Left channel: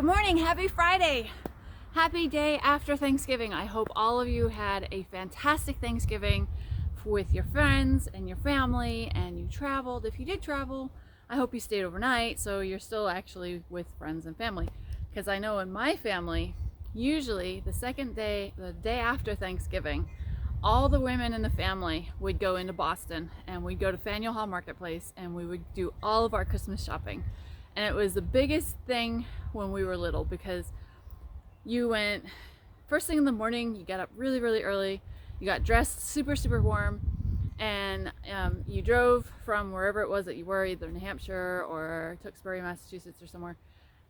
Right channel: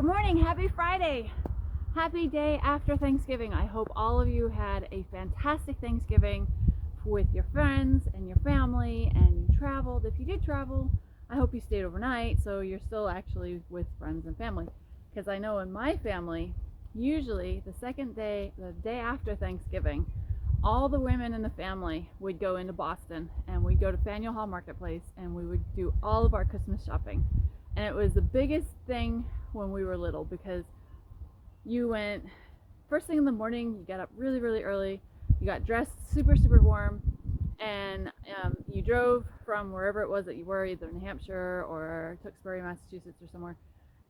Good morning, happy Friday. Happy day after Thanksgiving. I hope all of you had a fantastic Thanksgiving with your friends and your family and you traveled. If you did travel, I hope you stayed overnight so you're still actually with friends and family. Because I know in my family, usually the day after Thanksgiving, all the women in the family would go into Boston and we'd go to Faneuil Hall Marketplace and we would do all of our Christmas shopping. And it was the biggest thing when we were little because you went first thing in the morning, you got up really early, you got dressed super warm, and you drove from wherever it was that you were, either New Hampshire or Tewksbury, Massachusetts or somewhere,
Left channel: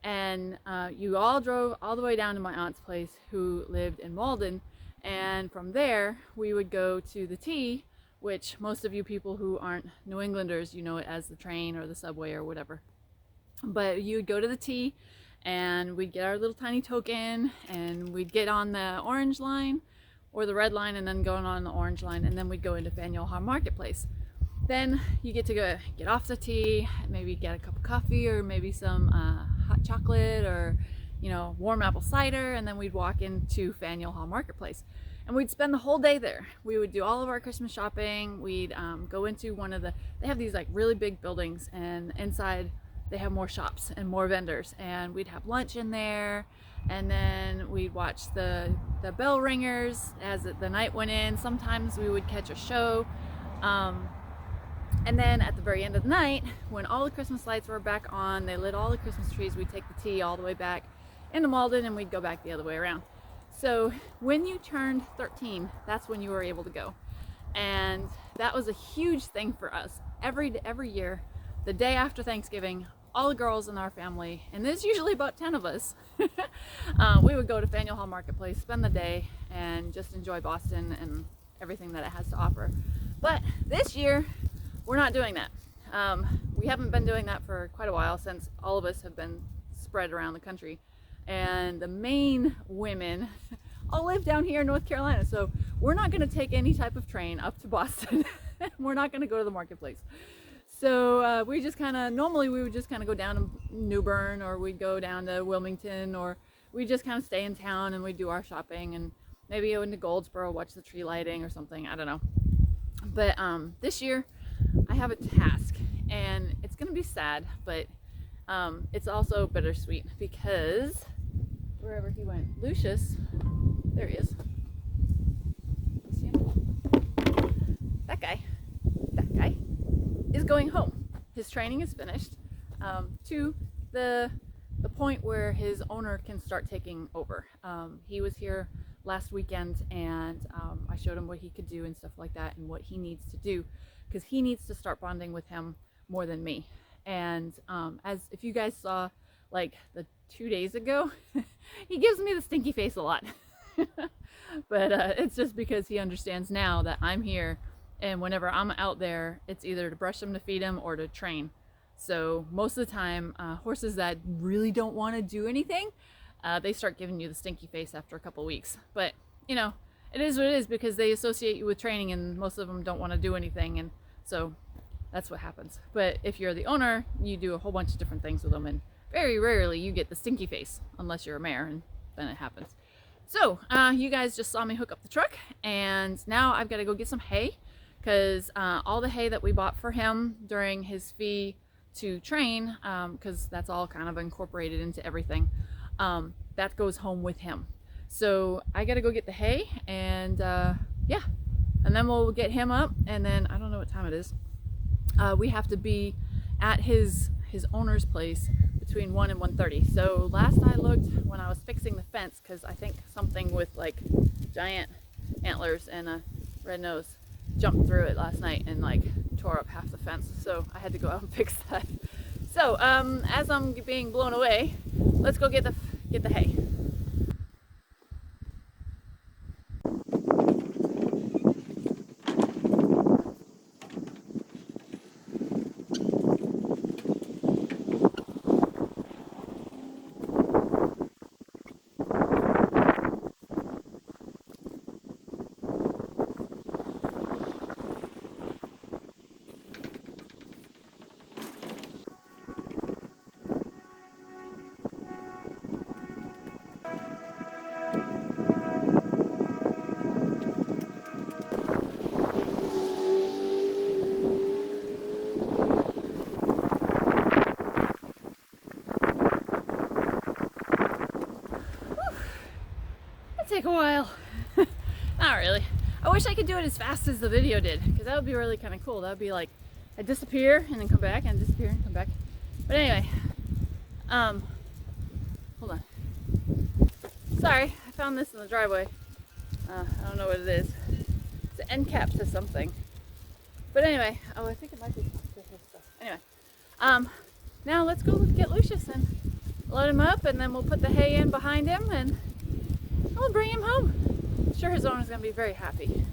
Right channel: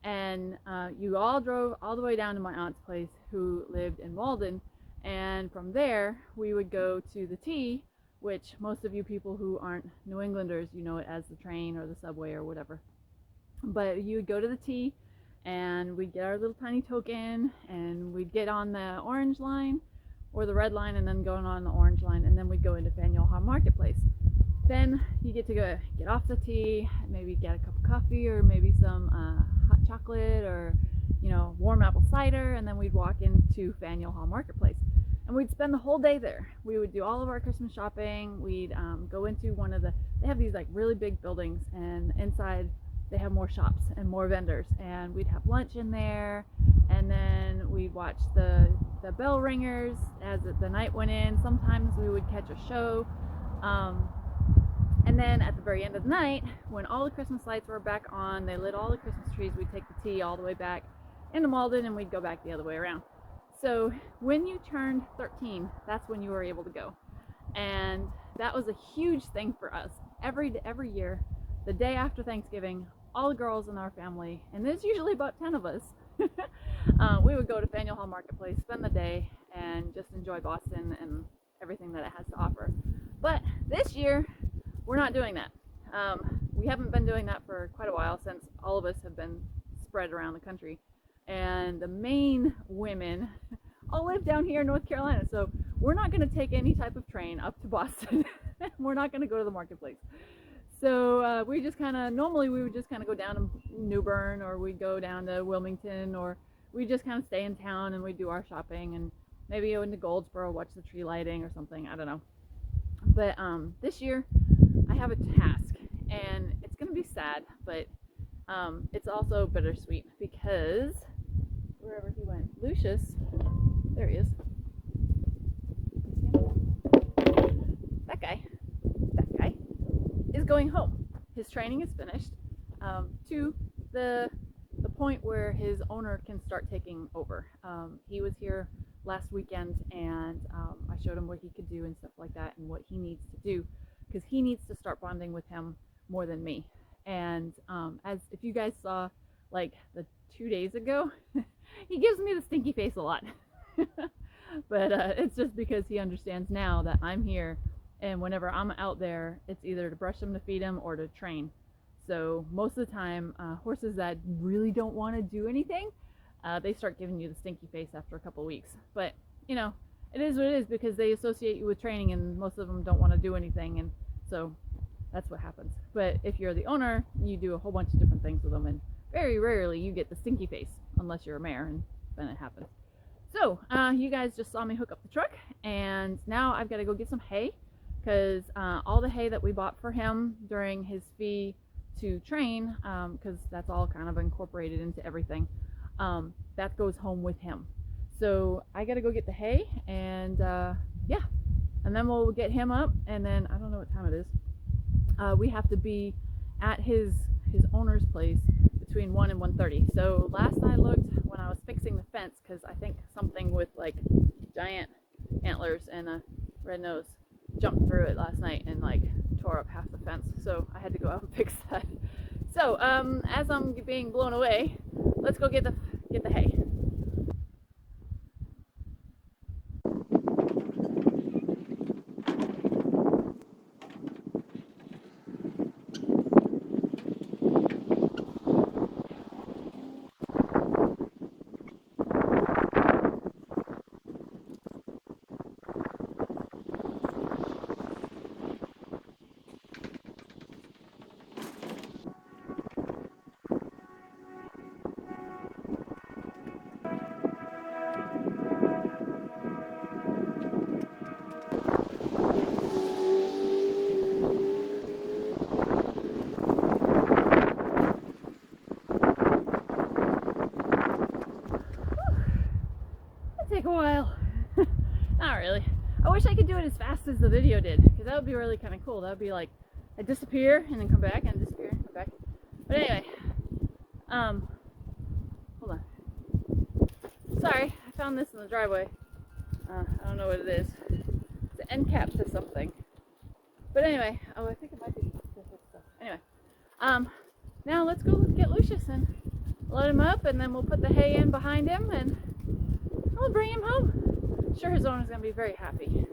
and you all drove all the way down to my aunt's place who lived in Malden. And from there we would go to the T, which most of you people who aren't New Englanders, you know it as the train or the subway or whatever. But you would go to the T and we'd get our little tiny token and we'd get on the orange line or the red line and then go on the orange line, and then we'd go into Faneuil Hall Marketplace. Then you get to go get off the T, maybe get a cup of coffee or maybe some hot chocolate or warm apple cider, and then we'd walk into Faneuil Hall Marketplace and we'd spend the whole day there. We would do all of our Christmas shopping. We'd go into they have these like really big buildings, and inside they have more shops and more vendors, and we'd have lunch in there, and then we'd watch the bell ringers as the night went in. Sometimes we would catch a show, and then at the very end of the night, when all the Christmas lights were back on, they lit all the Christmas trees, we'd take the T all the way back into Malden and we'd go back the other way around. So when you turned 13, that's when you were able to go, and that was a huge thing for us. Every year, the day after Thanksgiving, all the girls in our family, and there's usually about 10 of us, we would go to Faneuil Hall Marketplace, spend the day, and just enjoy Boston and everything that it has to offer. But this year, we're not doing that. We haven't been doing that for quite a while, since all of us have been spread around the country. And the main women all live down here in North Carolina, so we're not going to take any type of train up to Boston. We're not going to go to the marketplace. So we just normally we would just go down to New Bern, or we'd go down to Wilmington, or we'd just stay in town and we'd do our shopping and maybe go into Goldsboro, watch the tree lighting or something, I don't know. But this year I have a task, and it's gonna be sad, but it's also bittersweet, because wherever he went, Lucius, there he is. You see him? That guy is going home. His training is finished, to the point where his owner can start taking over. He was here last weekend, and I showed him what he could do and stuff like that, and what he needs to do, because he needs to start bonding with him more than me. And as if you guys saw, like the 2 days ago, he gives me the stinky face a lot. But it's just because he understands now that I'm here, and whenever I'm out there, it's either to brush him, to feed him, or to train. So most of the time, horses that really don't want to do anything, they start giving you the stinky face after a couple weeks. But it is what it is, because they associate you with training, and most of them don't want to do anything, and so that's what happens. But if you're the owner, you do a whole bunch of different things with them, and very rarely you get the stinky face, unless you're a mare, and then it happens. So you guys just saw me hook up the truck, and now I've got to go get some hay, because all the hay that we bought for him during his fee to train, because that's all kind of incorporated into everything, that goes home with him. So I gotta go get the hay, and yeah, and then we'll get him up, and then I don't know what time it is. We have to be at his owner's place between 1 and 1:30. So last I looked, when I was fixing the fence, because I think something with like giant antlers and a red nose jumped through it last night and like tore up half the fence, so I had to go out and fix that. So as I'm being blown away, let's go get the hay. wish I could do it as fast as the video did, because that would be really kind of cool. That would be like I disappear and then come back and disappear and come back. But anyway, hold on. Sorry, I found this in the driveway. I don't know what it is. It's an end cap to something. But anyway, oh, I think it might be to his stuff. Anyway, now let's go get Lucius and load him up, and then we'll put the hay in behind him and we'll bring him home. I'm sure his owner's gonna be very happy.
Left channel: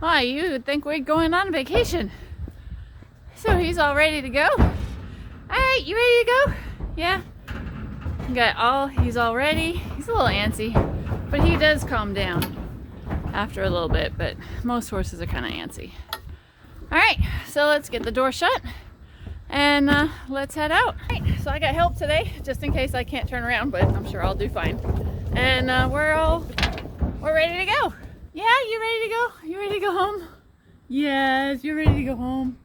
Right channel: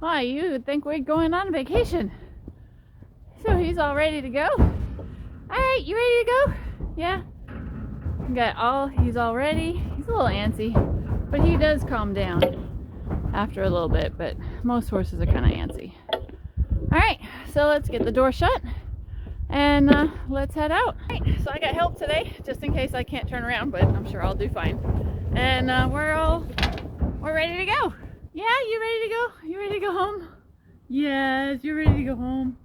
Why, you would think we're going on vacation. So he's all ready to go. Alright, you ready to go? Yeah. He's all ready. He's a little antsy, but he does calm down after a little bit, but most horses are kind of antsy. Alright, so let's get the door shut and let's head out. Alright, so I got help today, just in case I can't turn around, but I'm sure I'll do fine. And we're ready to go. Yeah, you ready to go? You ready to go home? Yes, you're ready to go home.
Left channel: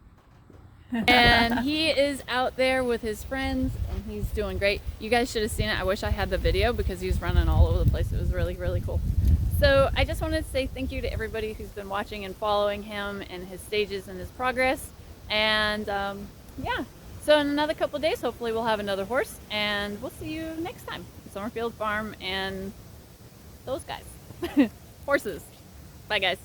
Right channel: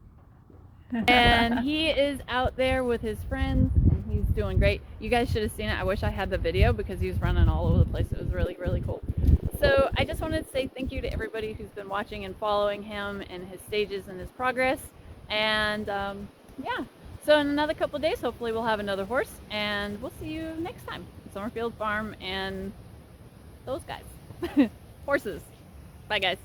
And he is out there with his friends and he's doing great. You guys should have seen it. I wish I had the video because he was running all over the place. It was really, really cool. So I just wanted to say thank you to everybody who's been watching and following him and his stages and his progress. And yeah, so in another couple of days, hopefully we'll have another horse and we'll see you next time. Summerfield Farm and those guys. Horses. Bye guys.